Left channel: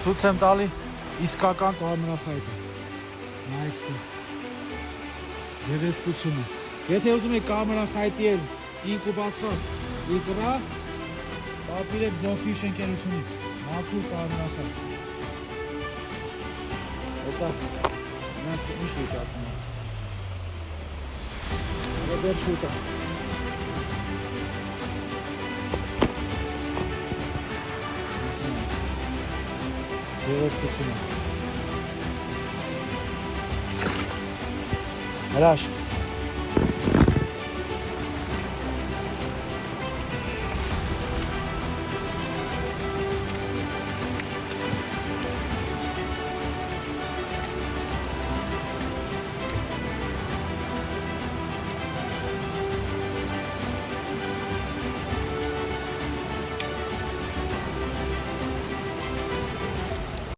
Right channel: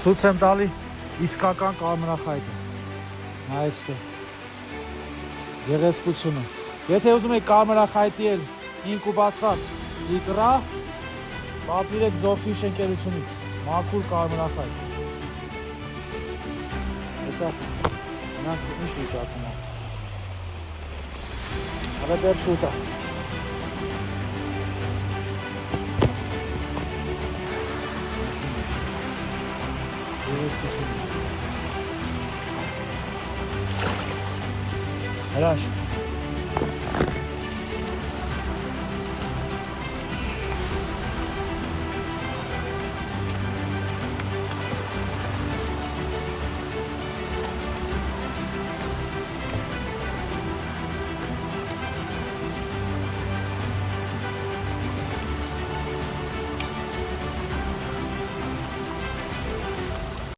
Ցույց եմ տալի իսկական կարմրախայտը։ Նայեք դե։ Գեղեցկությունը։ Եթե ուզում եք կարմրախայտի էլ ինկուբացված ուտրա, պատվիրեք Զոֆիշ ընկերությունից։ Մաքուր կարմրախայտ։ Հեսա նրանք ինչ վիճակում է։ Հələ դեռ շուտ է։ Գեղեցկությունը։ Հրաշք։